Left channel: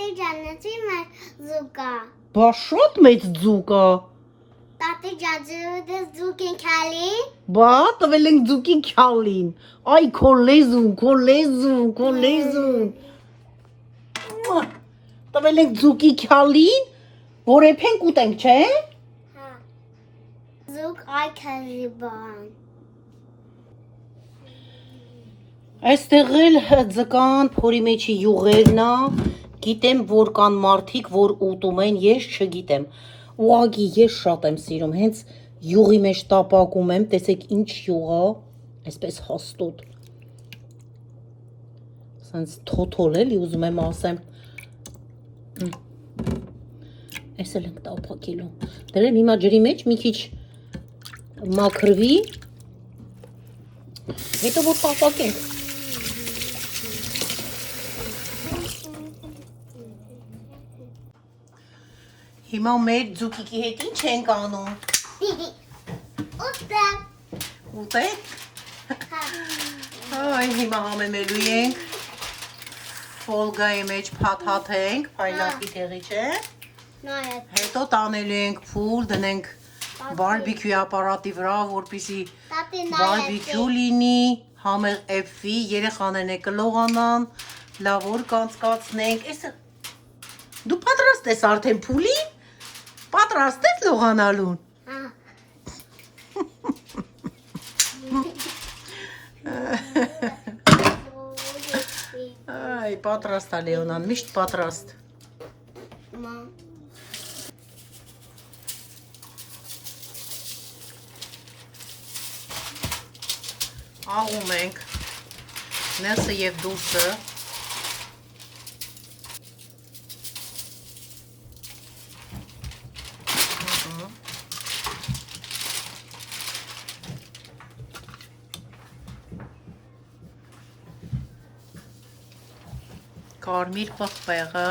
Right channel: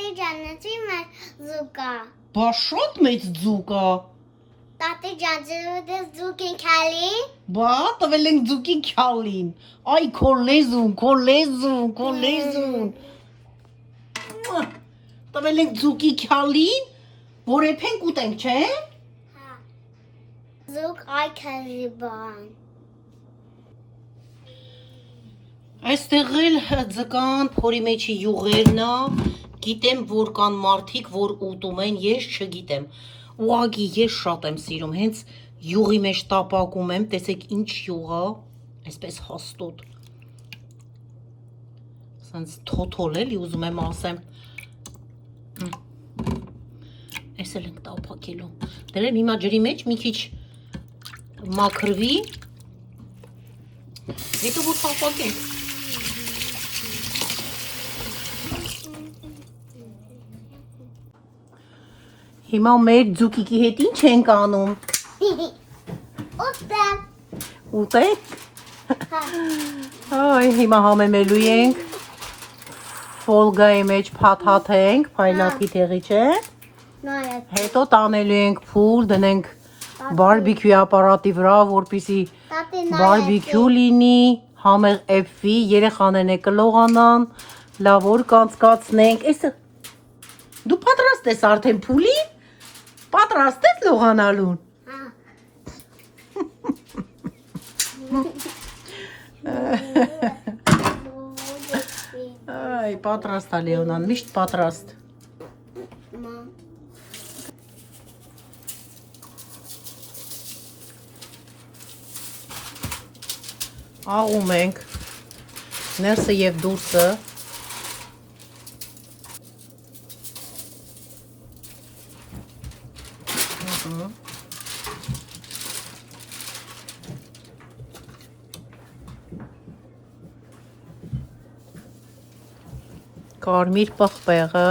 Տատի ջանեցի մեր զուկա։ Բա շատ մեծ ձուկ է։ Տատի ջանցը զուկ են քալի։ Բա տվել ենք ձուկի քյալին։ Այ քո լեզուն, քո լեզուն, քո լեզուն։ Տվել ենք ձուկի քյալին, որ եփենք ուտենք, չէ՞։ Հա։ Զուկ այ քալի բան։ Այստեղ էլ ձկան փորի մեջի յուղերն է, գիտեմ, որ կան մարդիկ, որ ուտում են, ես չգիտեմ։ Ուղղակի ես շատ եմ սիրում, հենց յուղի մեջ տապակում եմ, տեսեք ինչ յուղ է, այսպես հաստոտ։ Սենց թոթոլ էլի ուզում եմ ասեմ։ Այս էլ ենք տապակելու։ Դրեմ հիմա ջրի մեջ մի քիչ մաքրվի, հետո որ տապակենք։ Հիմա մեր ձուկիկի հետ ինչ ենք անում։ Ուտեմ։ Ուտեք։ Այ հիմա համեմելու ենք։ Ֆոլգայի մեջ փաթաթենք, փայլակի տեղի չէ։ Նայեք։ Հետո տանելու ենք փուլ, դնենք բարբիկյու ապարատի վրա, որպեսզի Տատի բարբիկյու լինի, համեղ էփվի, երեխաներն է կլողանան, լավ որ կանցկացնենք։ Էսը դու պատրաստ ես արդեն փուլի։ Պատրաստ ես լողանալուն։ Այ պատրաստ է Լեոնան, միշտ պատրաստ։ Աղում ենք ներսը և դուրսը։ Կարմիր պղպեղը,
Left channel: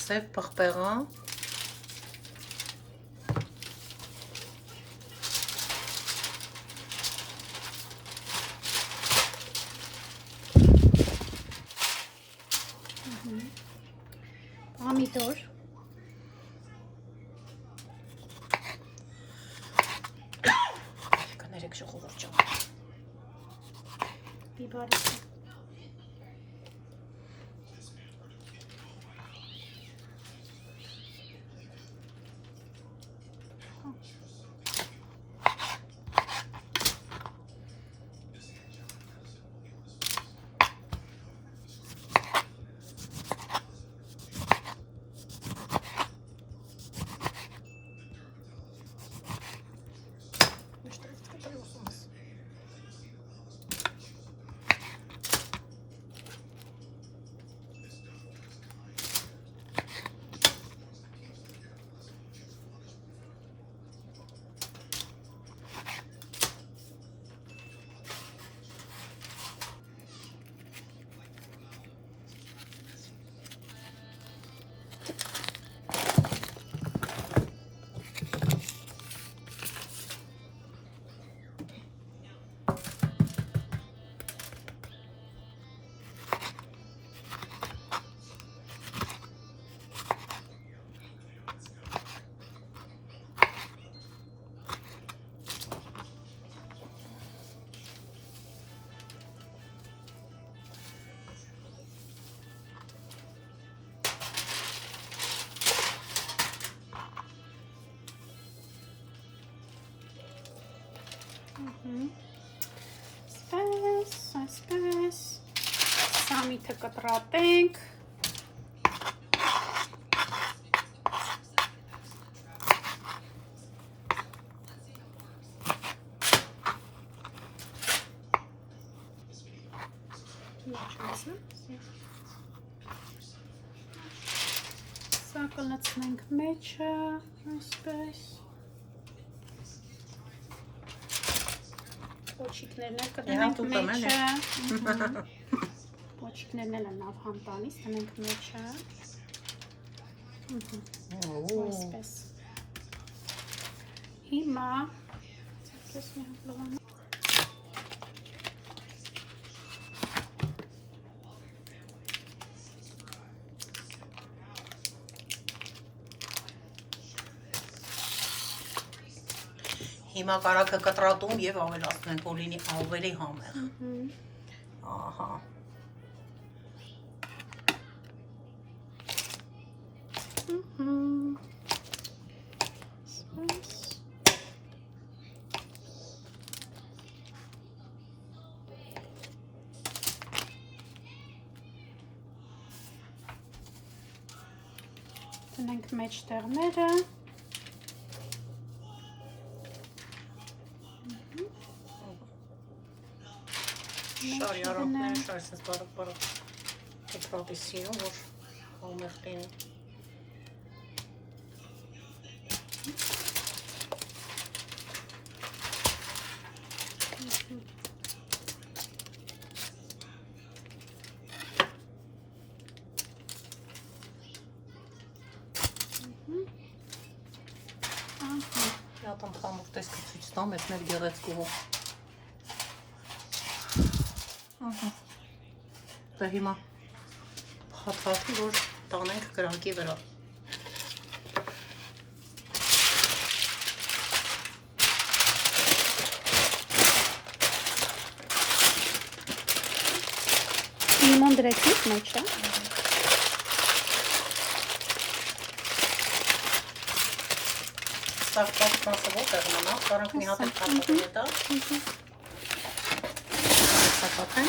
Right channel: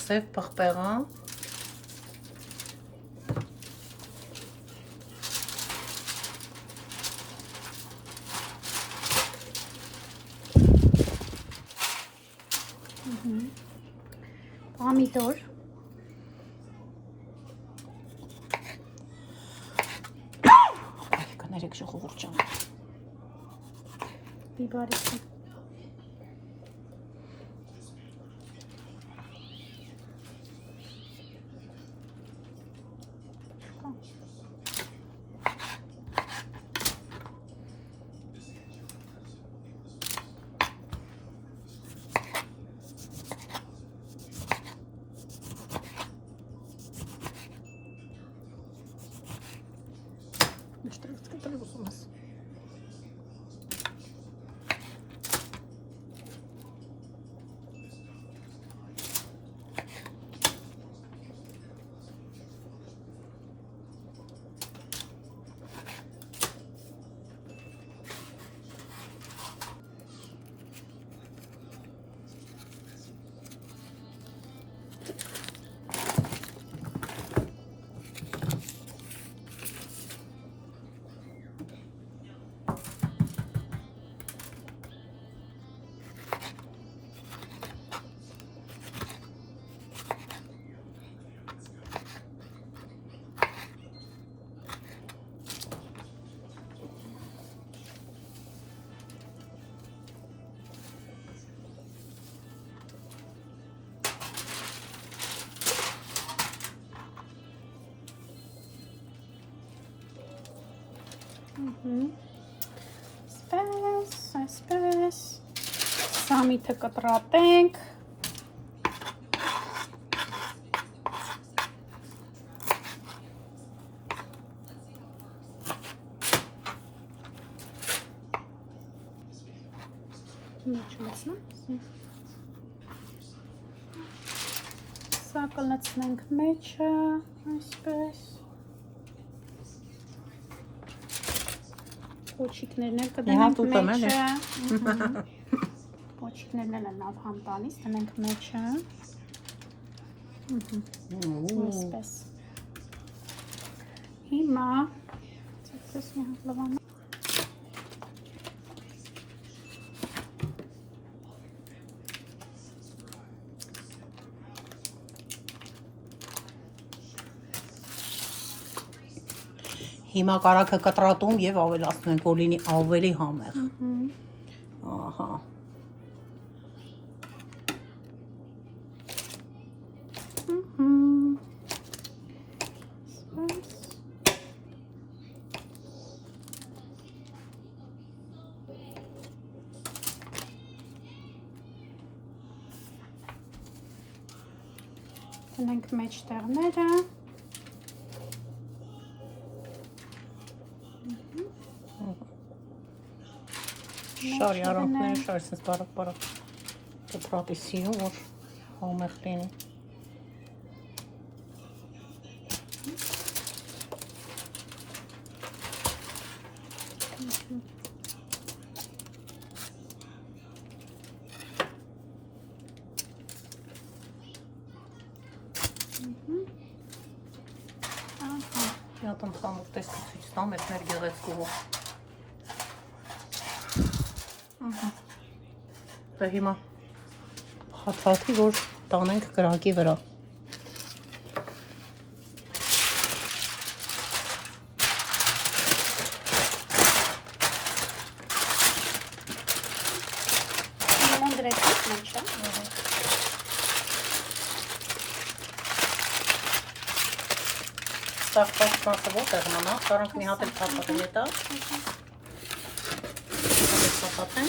սև պղպեղը, Պամիդոր։ կներեք ժողովուրդ ջան։ Բիբարիսը։ Այսպես, սամիթը կտրատենք, սա կլցնենք մեջը, այսպես, Պոչիկներն էլ կդնենք մեջը։ Պոչիկներն էլ են լավ համ տալիս, դնենք մեջը։ Այսպես։ Հիմա ցածրես մի հատ լավան։ Հիմա կարակը կտրատում եւ ավելացնենք, որ լինի ավելի համեղ։ Ահա։ Դնենք մեջտեղները։ Շարի առանքներ, շարսես բարակ կտրատի սինու, որ համեղ լինի։ Յատում խամուր տեսքը ցույց տամ, էս մեր գեղեցկուհու։ Դե հիմա հատվածի, որ տանենք կրակի վրա։ Հիմա դրեք մեջը։ Ստաղտած մասը ոտեղ նամա, կարանք մի հատ էլ թապատի հետա։ Թապատեն։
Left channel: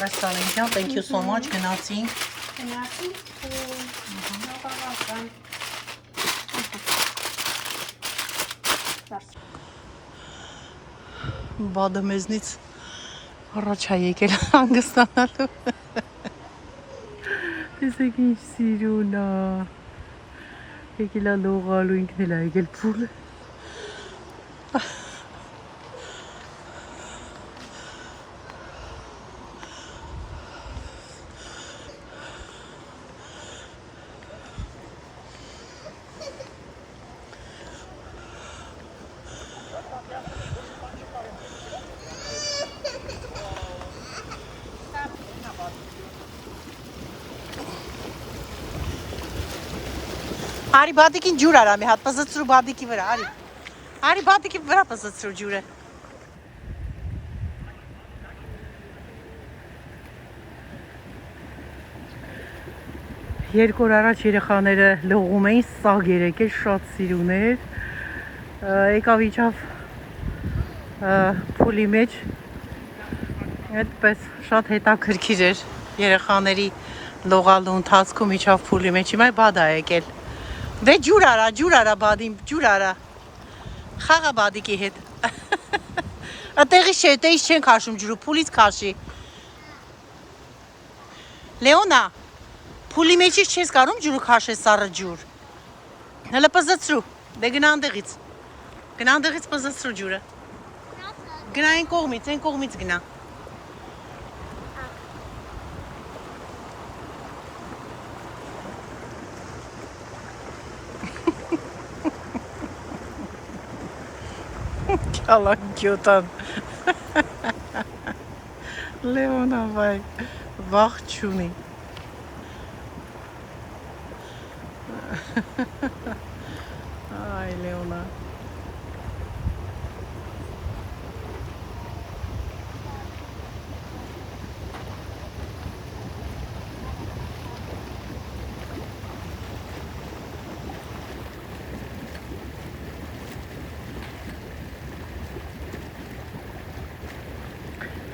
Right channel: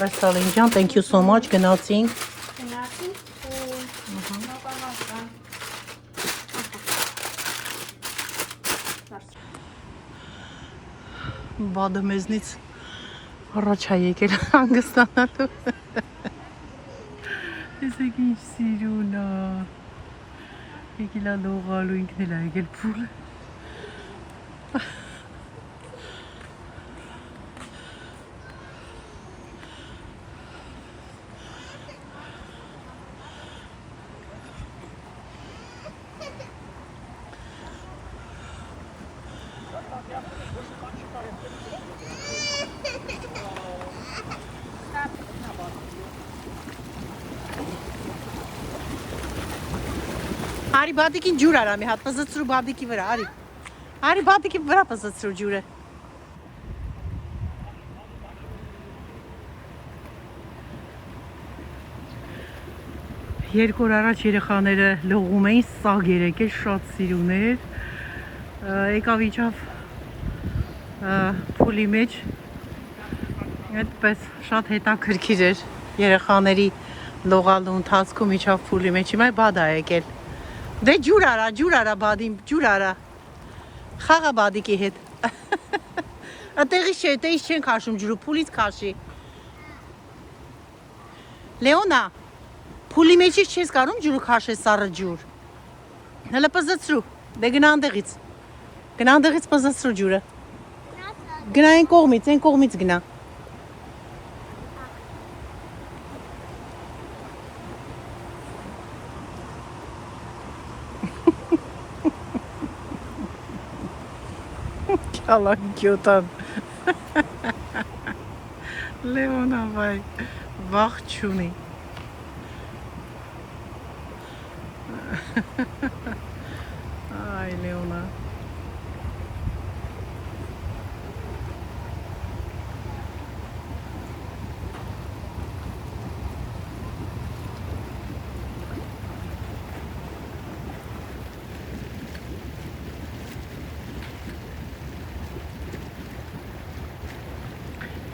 Պրեստալինջան, thank you so much, գնացինք։ Բադը մեզնից առաջ է եկել հանգստանալու։ Տեսեք ինչ սիրուն է։ Եկել է լողալու, ինքն էլ է եկել փուլը։ Արի բադիկին ջուր արա մի հատ պզծրու բադիկի վրա, արի։ Արի բադիկի վրա պզծրու ջուրը։ Երկու օր առաջ երեխաները լողում էին, սաղ երեկել, շատ սիրուն էր։ Եկավ իջավ փուլի մեջ։ Այդպես շատ հետաքրքիր էր երեխաների լողալու ընթացքում իջավ փուլի մեջ։ Հիմա բադ է եկել։ Դե ջուր արա բադին, ջուր արա։ Խաղա բադիկի հետ։ Ատեղից չէ, տեից չեն քաշում ջուրը, փուլից քաշի։ Լեոնա, փուլի մեջից չես կարում ջուրը քաշես սառը ջուր։ Հələ պզծրու, դե գնա անդեղից։ Գնա անդեղից պզծրու ջուրը։ Գնա այն կողմից գնա։ Կալանկյոտան։ Լեոնա վայ, վաղ չունի։ Այ Լեոնա։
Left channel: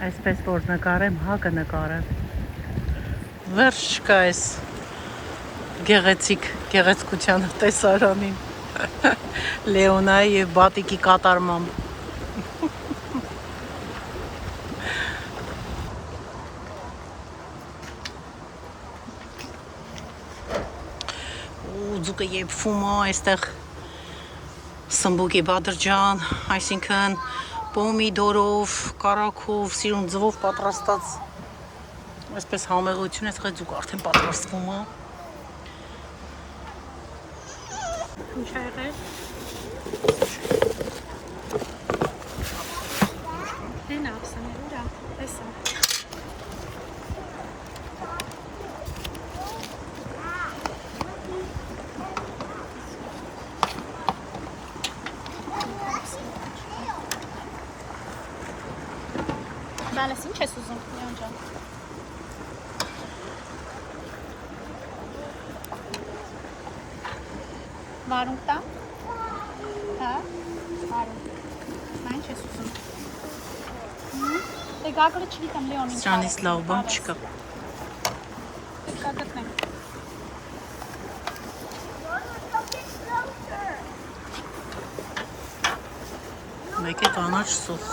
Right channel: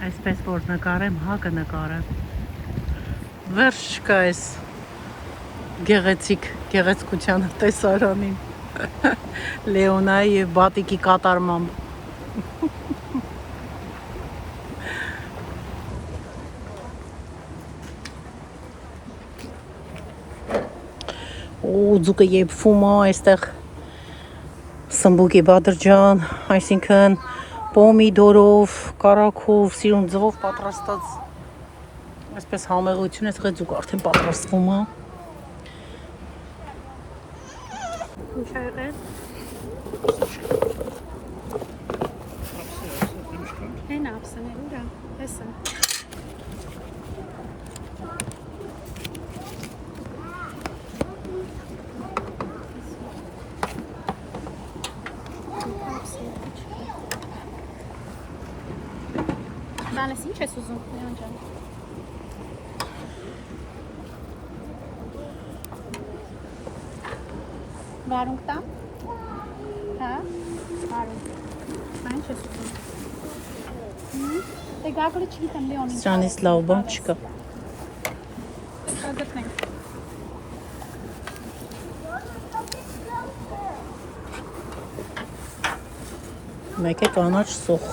Այսպես որ նկարեմ, հակը նկարեմ։ Վերջ չկա այս գեղեցկության տեսարանին։ Լեոնայի եւ Բատիկի կատարմամբ։ Ու ձուկը եփվում է այստեղ Սմբուկի Բադրջան, այսինքն պոմիդորով, կարագով, սիրուն ձվով պատրաստած այսպես համեղություն, այստեղ ձուկը արդեն պատրաստվում է։ Ինչ է եղել։ Հեն ապսաներ ուրա, այսա։ Բանես ինչ ես ուզում, Լեոն ջան։ Վարունգ տա։ Հա, վարունգ։ Նա ինչ ես ուզում։ Դե գագլը չգիտեմ Լեոնին։ Սրանից լավ բան չկա։ Կգտնենք։ Մեկ է կանաչ սոխ։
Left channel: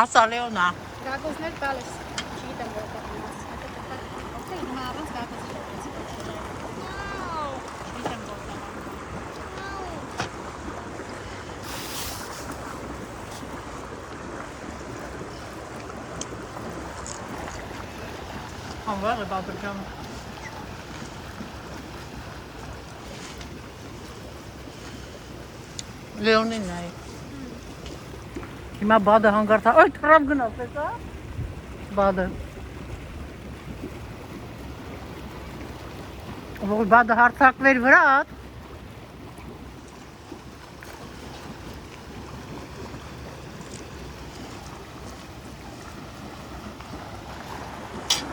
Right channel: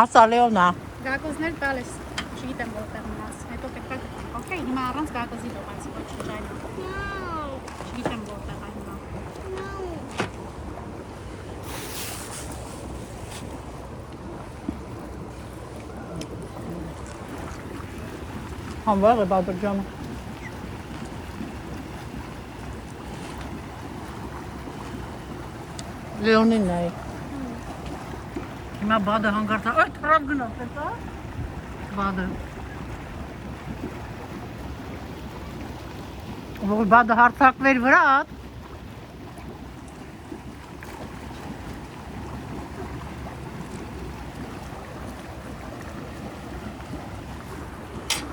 Ասա Լեոնա։ Գագոզներ գալես։ Չգիտեմ որտեղ մնաց։ Հետո պետք է, օքեյ, հիմա առանց գագոզի դոկացի չճայ։ No. Չգիտեմ որտեղ է հիմա։ Հանվար է Բադրջանը։ Լեոնին նայ։ Հիմա բադը հանգարթա, այ թրավ գնաց, էտա։ Բադը։ Որ բադը հարթակվեր վրա,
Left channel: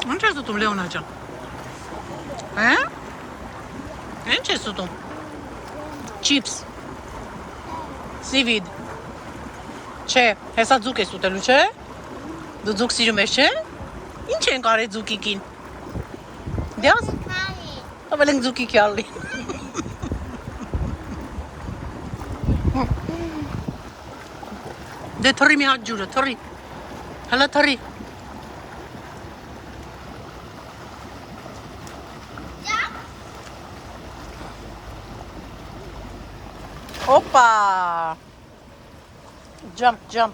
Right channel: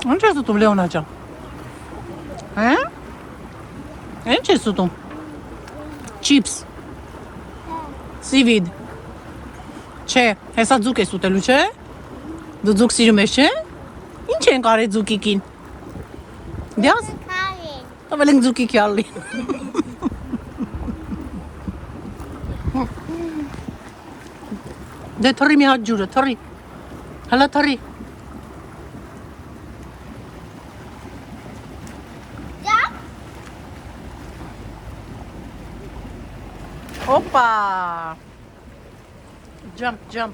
Ինչ ես ուտում Լեոնա ջան։ Հա? Ինչ ես ուտում։ Չիփս։ Սիվիդ։ Չէ, հեսա ձուկ ես ուտելու, չէ։ Դու ձուկ սիրում ես, չէ։ Ինչ ենք արել ձուկիկին։ Դիաս։ Քալի։ Տվել ենք ձուկի քյալի։ Դե թռի մի հատ ջուրը, թռի։ Հələ թռի։ Опа! Jump, jump.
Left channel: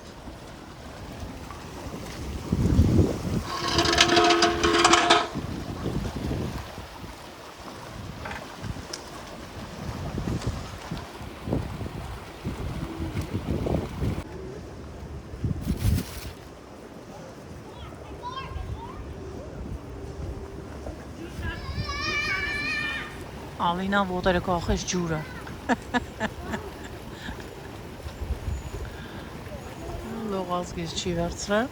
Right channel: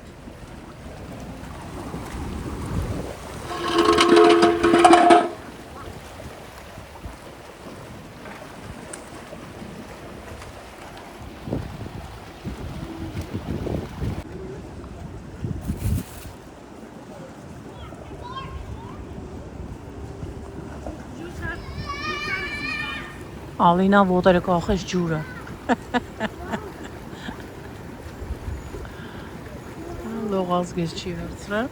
Ալինան ոտերը կախեց ջուրը։ Լողազգես չի վերցրել։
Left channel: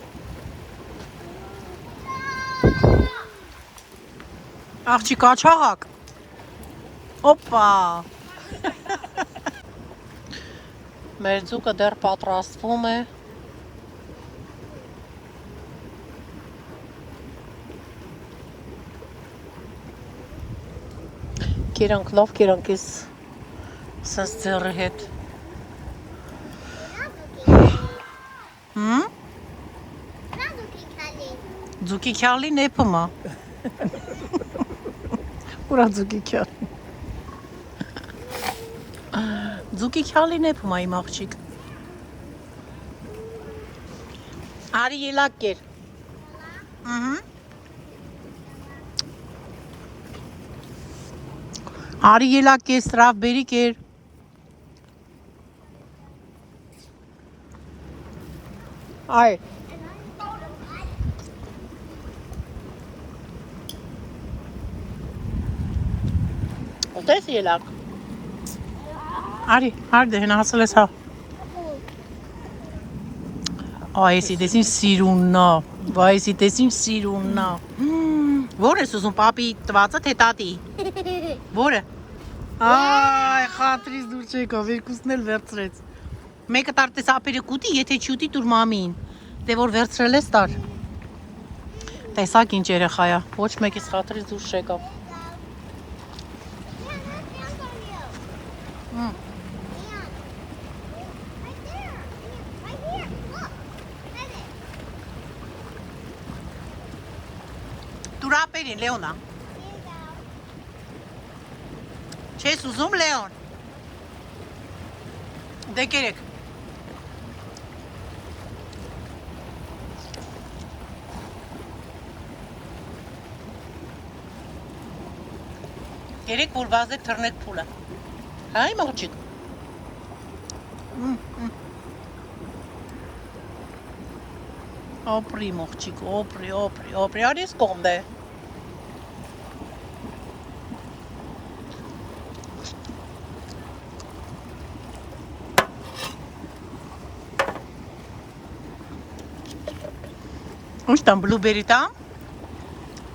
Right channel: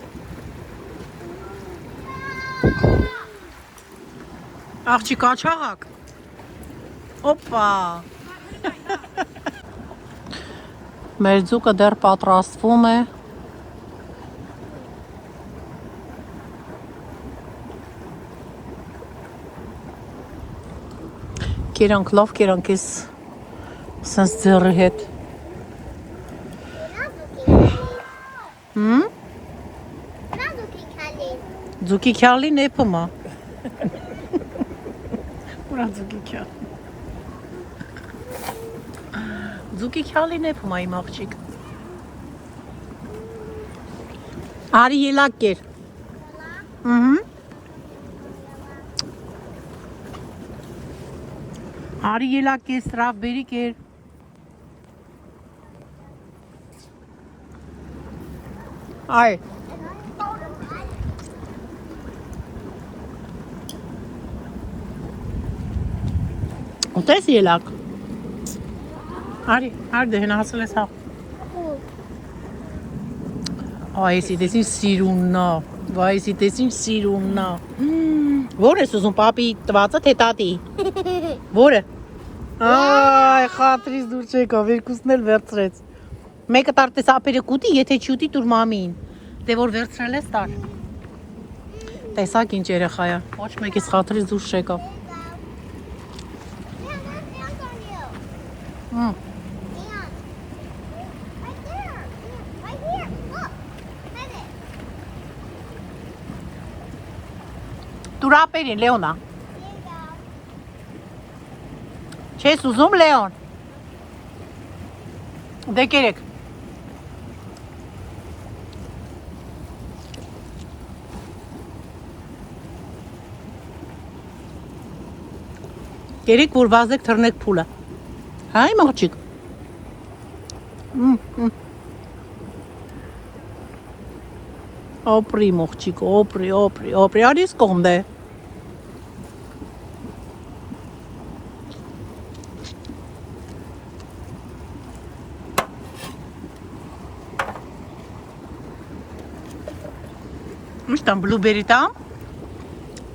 Աղջիկ աչաղակ։ Օպա։ Մեր ձուկը դեռ պատրաստվում է։ Կերանք լավ կերանք ես սենց ձեռի հետ։ Ռազուկի քալի։ Ձուկի քյալի նեպում է։ Ուրա ձուկի քյալի։ Ձուկի քյալի նեպում է իմ աղջիկ։ Արի ելակ կեր։ Արի ելակ կեր, սրավ բերի կեր։ Այ։ Ուտես ելակ։ Արի, արդե հենա հասել ես հա։ Այս դեսին սիրուննա, վայսի դեսին սիրուննա։ Ո՞ր ես ուզում, պապի տվածը թե տատի։ Ո՞րը։ Այ, խատրից դուրս եկավ, երկուսն էլ վերցրեց։ Մեկը տարտես ապերը կուտի, եթե չուտի տուր մամին։ Դե որ վերցրել ես տար։ Տեսակ ինչ երեխա է, ոչ մեկից խատրից դուրս չեկավ։ Տուր ապերին, Լեոնա։ Չես ուզում, Լեոն։ Դե կերեք։ Կերեք, որ վազեք թռնեք փուլը։ Հա, իմ աղջիկ։ Օպրի մողջիկ, օպրի, արիս կոնդե։ Ինչ տամ, բլուբերի տամ։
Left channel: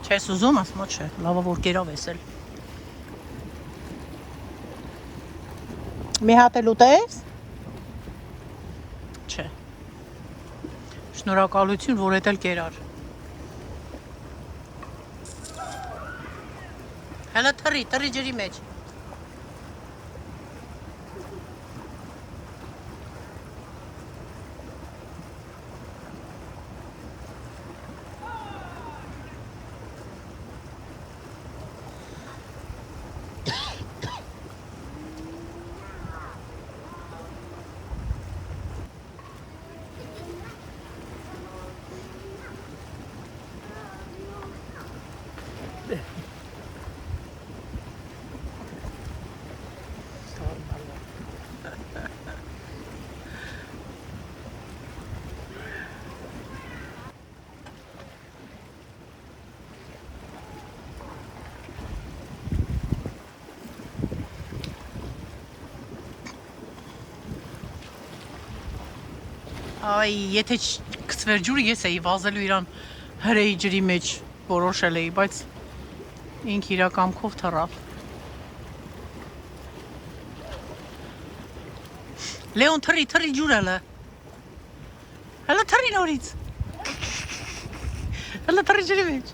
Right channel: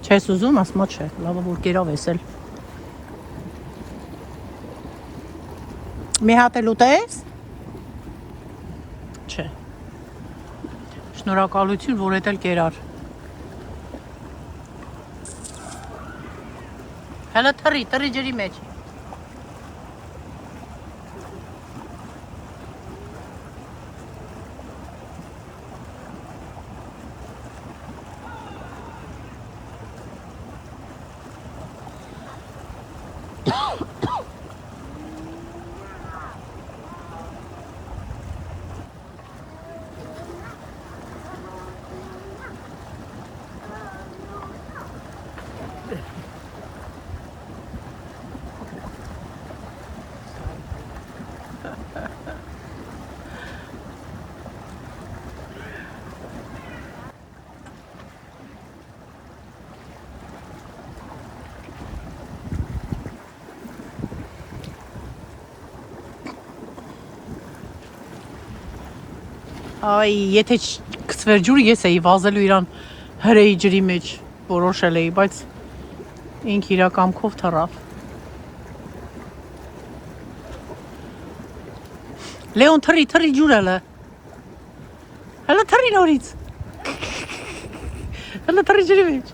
Չես ուզում, ասմա չէ, լավը որ կերավ ես էլ։ Մի հատ էլ ուտես։ Չէ։ Շնորհակալություն, որ էդ էլ կերար։ Հələ թռի ջրի մեջ։ Այ, եթե կցվեր ջուրը, ես էի վազելու իրան հրեի ջրի մեջ որոշել էի, բայց ինք իրա կամքով թռավ։ Լեոն, թռի ջուր հələ։ Հələ թռի նորից։ Հələ թռի ջրի մեջ։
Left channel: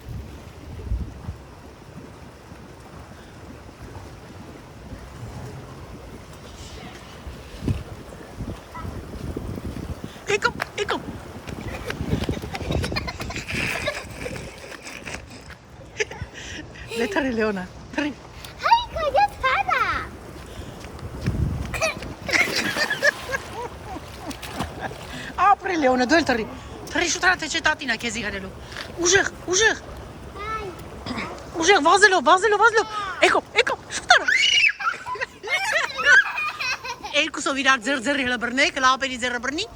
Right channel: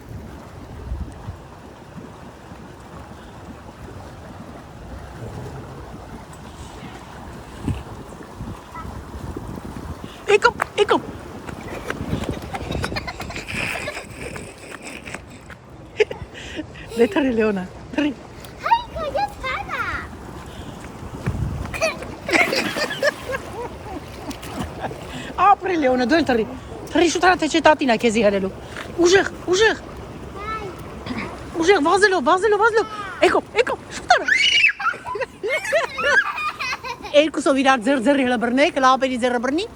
Եկամ։ Դե թռի Լեոնա, թռի։ Հայկա, ես թանա։ Ապրի Լեոնա, դու էլ թռի։ Թռի շուտ արա, թե չէ տատին է քեզի հրելու։ Ուժեղ։ Ուժեղ, վազելով։ Եկամ, շուտ արա։ Երկուսով իրար ձեռի հələ բռնեք, լապերի ձեռը բռնի,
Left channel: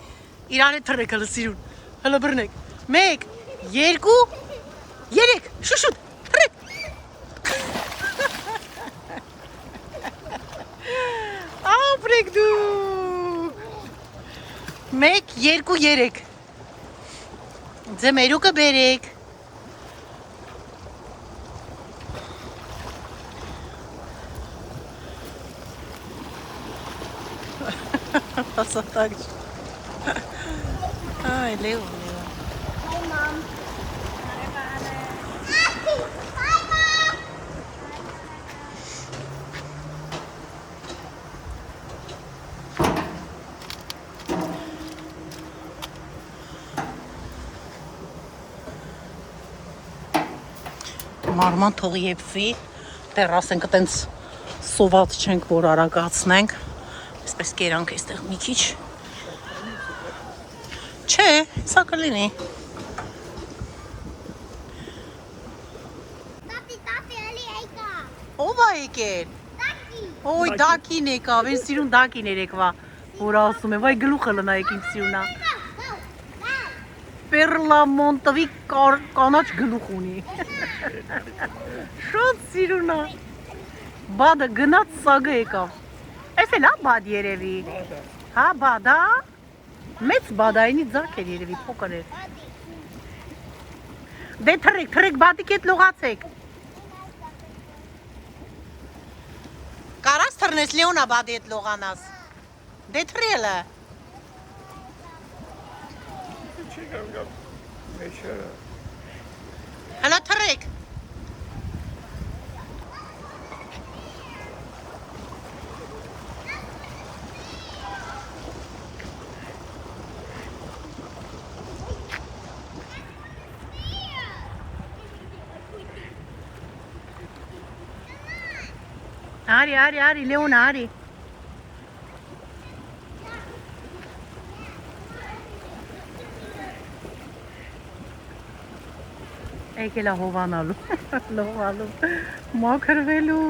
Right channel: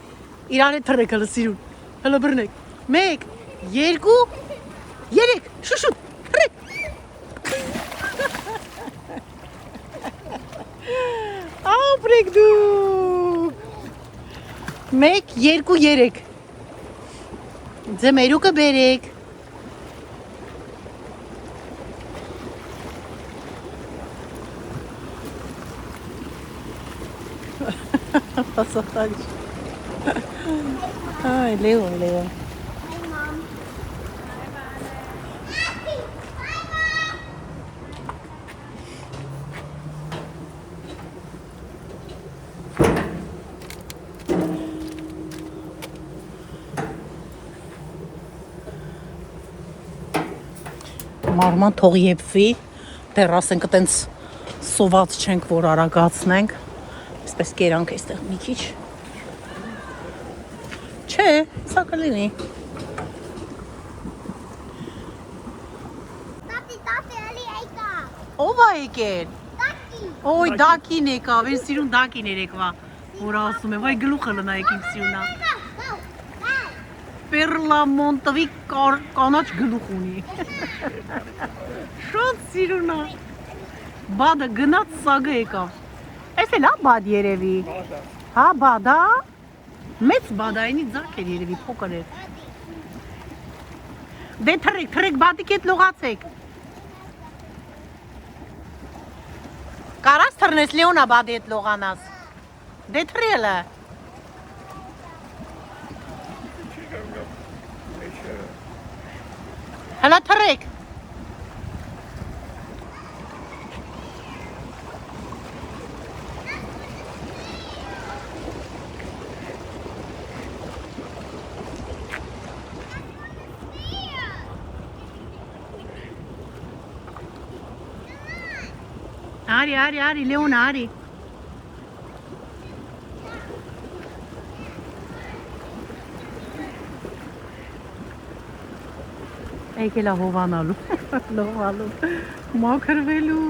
իրար է թռեք հələ սիրուն, հələ բռնեք, 1, 2, 3, շուշուտ, թռեք, ապրեք դուք, 1, 2, 3, ձմերուկը բերեք, Passatak. Ay, Leon. Մարման թող եփվի, դեռ ասենք այտենց սոված չենք, որ արագացնենք, այսպես կերանք այստեղ մի քիչ, չէ, սա կլինի։ Տատի, էլի եկա։ Ով է եկել։ Տատի։ Ոյ, դակին եկավ, են սիրուն դակին երեկվա, որ ասում է, վայ գլուխը լնայեք իմ սիրունա։ Պերլամոնտովի կանաչ գլուխ ունի։ Շատ սիրունա։ Բադը գնաց սագը եկավ։ Էս էլ հա բադ երևի։ Հա բադա։ Մեծ բադայինի ձակ էր երևի փոքր էր։ Դե թրեք բադիկ հետ լողացեք։ Կարաս թռնես Լեոնա բադի հետ լողանաս։ Դե թրելը։ Հələ թրեք։ Արի, Լեոնա, արի։ Եկել է հովանալու, լողալու, մաքրվելու։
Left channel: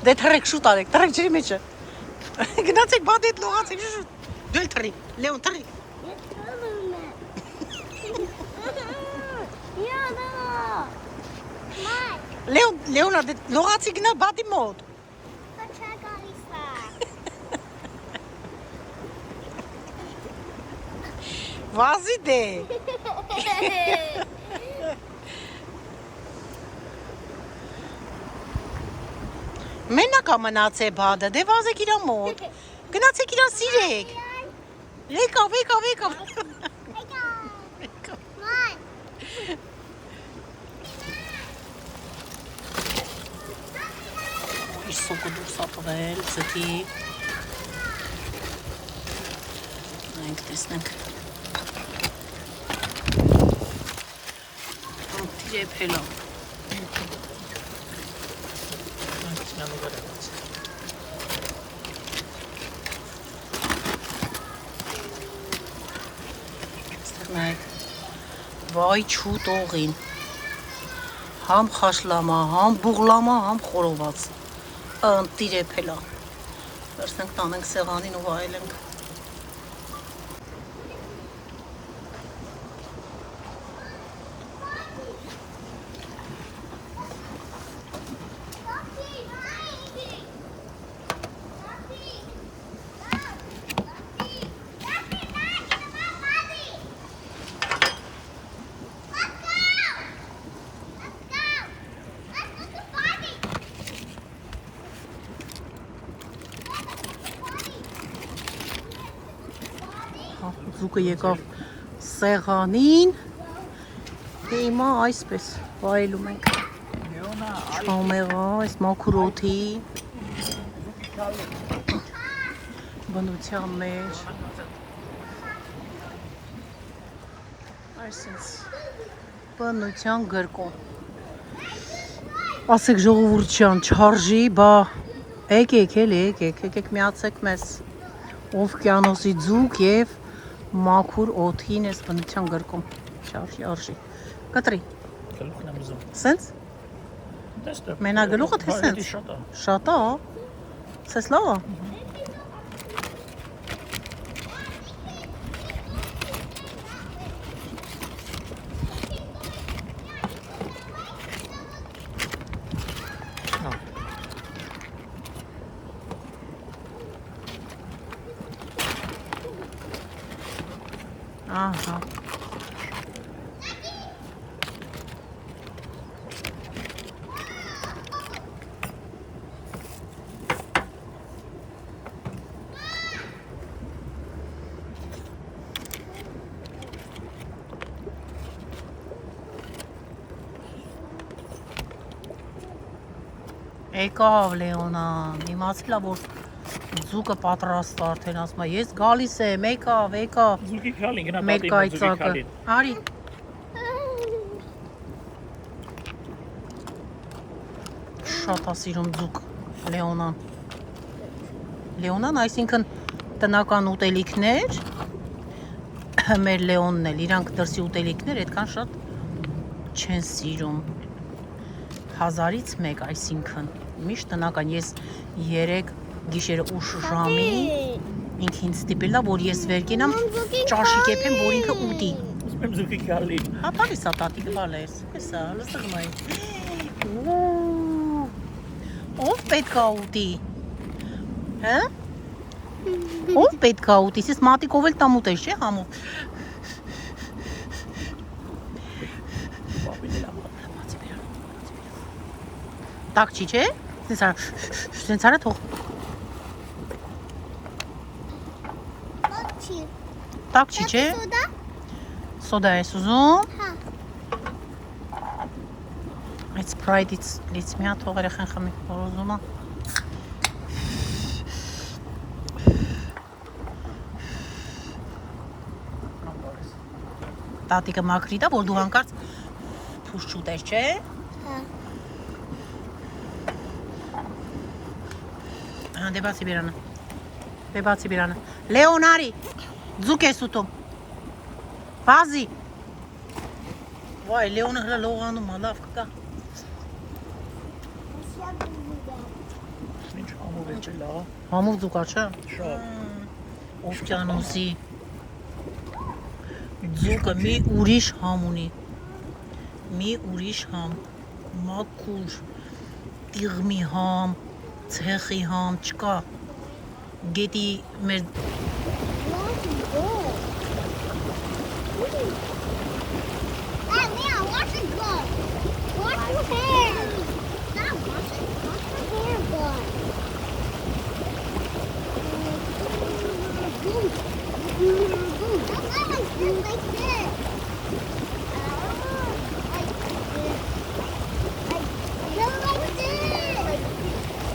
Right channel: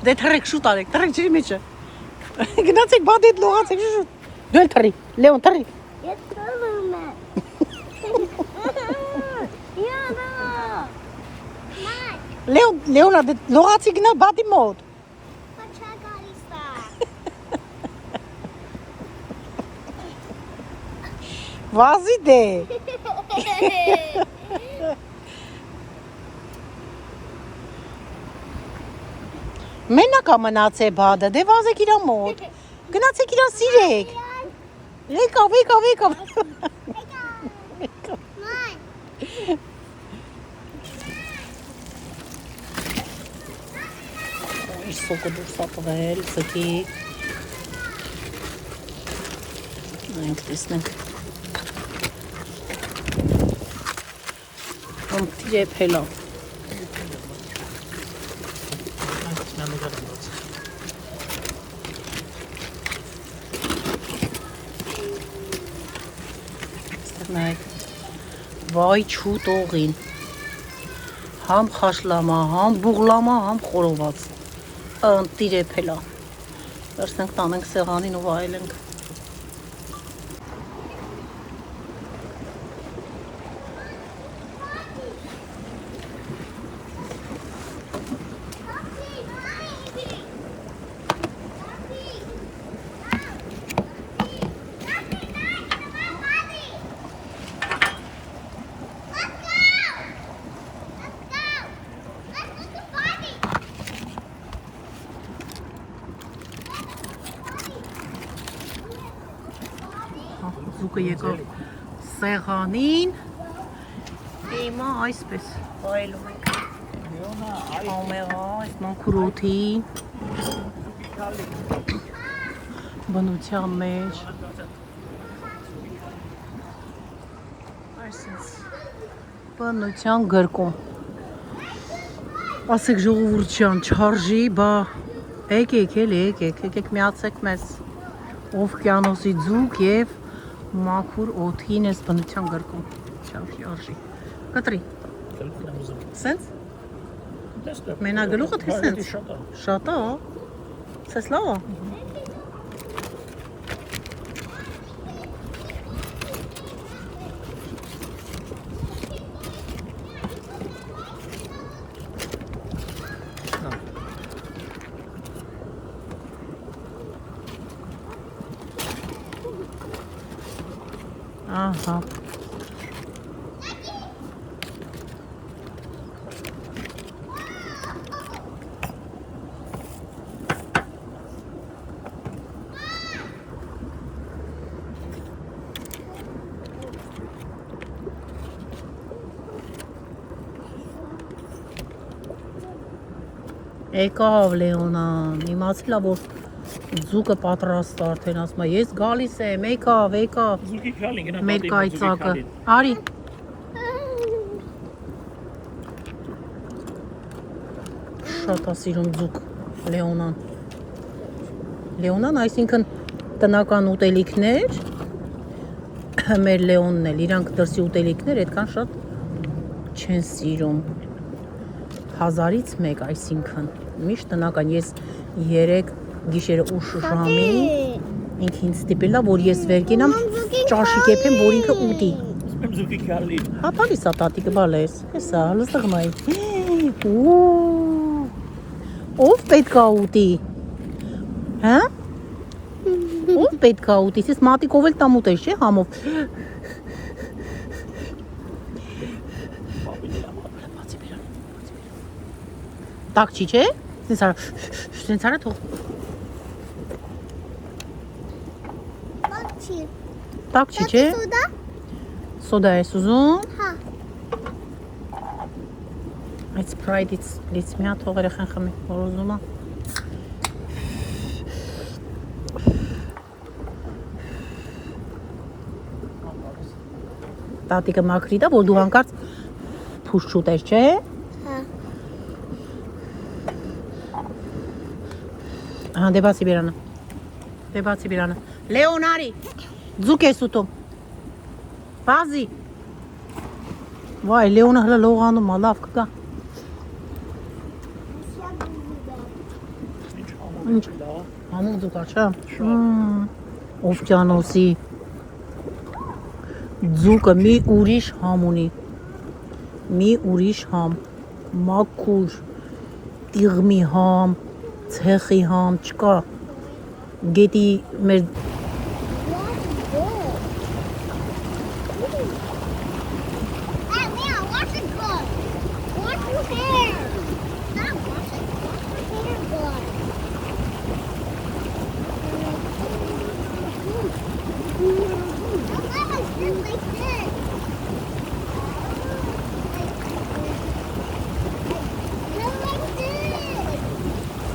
Դե թռեք շուտ արեք, թռեք ջրի մեջը։ Գնացեք բադի հետ լողացեք շուտ։ Դու էլ թռի, Լեոն թռի։ Ես թռնում եմ։ Յադա։ Լեոնա դե լողացի գնա բադի մոտ։ Փաչա գալիս է։ Վազի դե։ Մենակ ամնաց է բադը, դե վազեք իրա մոտ, գնացեք իրա սիրեք, եկավ, Ման։ իր սոկը դուրս ատվել, ծկի, նայնք տեսնենք, եփելա, վայ չուտ օղին, համ խաշլամա, համ բուղլամա, համ խորոված, ընտիր եփելա, վերցնենք տանենք սեղանին ու վայելենք, Զուկը եկավ սեղանին, հիմա այսպես վայելում ենք, չամեղա, այս մաքուր օդի, բնության մեջ, այսպես բնության գրկում, ասեք ժողովուրդյան չարժի, բա եկեք միացեք մեզ, Օվկիանոսի ձուկ և մաքուր օդին ես բնության գրկում, չարժի, կտրի, սենց, մենագլուղը թե սենց, շատա, սես լավա, Ահա։ Եկավ Լեոնան, իմացել ա, որ ձուկը պատրաստ արդեն, ասում ա, ես գալիս եմ, եկավ։ Զուկի քալին, գնա Մեր կայծակը, արի։ Շատ ա սիրում ձուկ Լեոնան։ Լեոնան, այսինքն տնական ուտելիքներ, մեր Լեոնն էլ, իրանք դրսի ուտելիքներ այդքան շատ չեն սիրում։ 1000-ից 1, այսինքն միշտ տնական, ես 3 գիշերը ուշ ժամին ինքը ինձ ստիպել ա, որ ես վեր կենամ ճաշի կեփեմ, որ ինքը ուտի։ Զուկի քալին։ Հա, բարիս ա տատիկը բալես, հեսա, լստղմայի։ Ով պետք ա ուտի, հա? Ով պետք ա ուտի, սիս մատիկով էլ տամ ուտես, չէ, համով։ Տակ չի, չէ, սենց արա թող։ Բացի։ Տակ չի, չէ, Սուդա։ սոդա ես ուզում։ Հա։ Այդ սպրայդից լից մի հատ թող երեխեն խմի, որ ուզում ա։ Տատիկը մաքրի դա, որ դու հանկարծ փուշ չուտես, չէ։ Հա։ Հա, դեպացի բերանը։ Դեպացի բերանը։ Լեոն արի, ձուկ ես ուտում։ Բազի։ Վայ, Լեոնը հլը լողանում ա, լավ կգա։ Ինչ, համուղ ձուկ ա, չէ։ Օվկիանոսի ձուկը մի ուրիշ համ ունի։ Մի ուրիշ համ, մաքուր, տիղմի համ, ցեխի համ չկա, գետի մեր Hey, Leon, watch it go. Watch your hair. Stop, watch it. Watch your hair go. Don't let my sit like this. Not like this.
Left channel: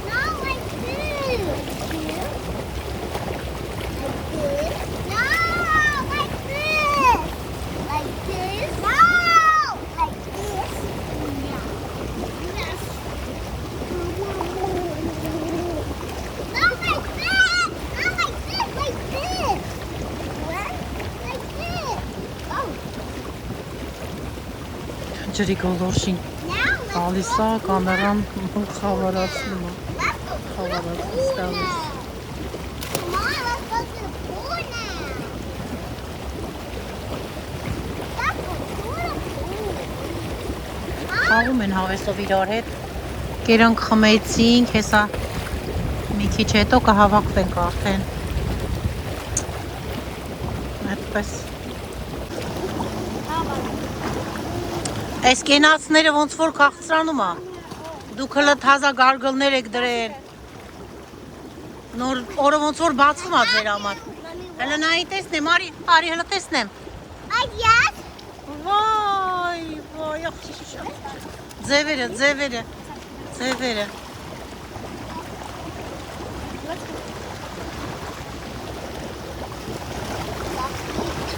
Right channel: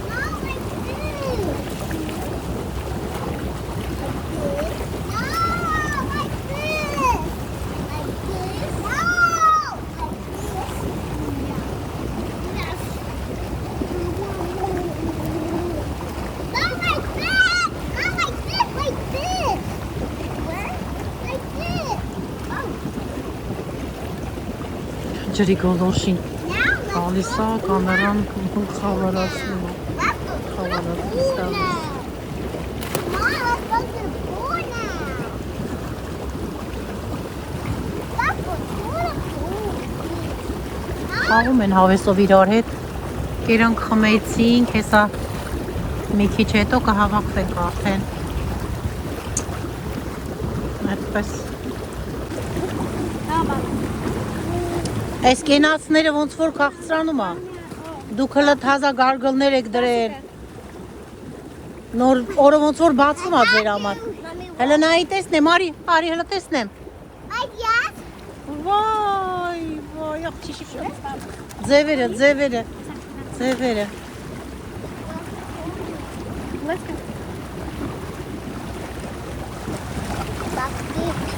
Not like this. No, like this. Like this. No, like this. Yes. Not like that. Not like this. Like this. Where? Like this. Oh. ջրի գոլորշին Now let's գալիս ա, go կամերան pool խավարացնում ա։ Let's go to How the about that? pool That now. Come on, let's go to the pool now. Let's go to the pool. Huh? Խաղում են հավեսով իրար հետ, կերանք խմեցինք, հեսա մի քիչ հետո կհավաքվենք արդեն, այդպես, այս կենացները ոնց որ կաղցրանում ա, դուք հլը թազա գարգլներ եք դրել, նոր օրը ոնց որ բացվում ա ձեր համար, հլը նայի տեսնեմ, արի հլը տեսնեմ, Yes. վայ, աղջի շատ, ձևերը,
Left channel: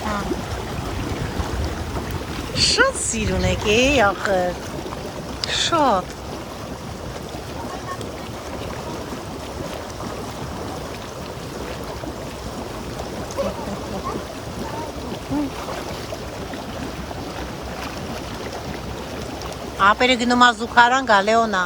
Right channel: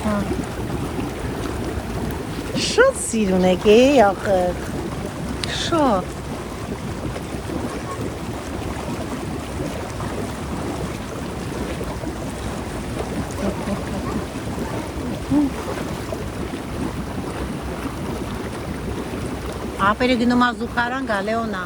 Հա։ Շատ սիրուն եք ախր, շատ, ապերը գնում ա զուգարան գա Լեոնա,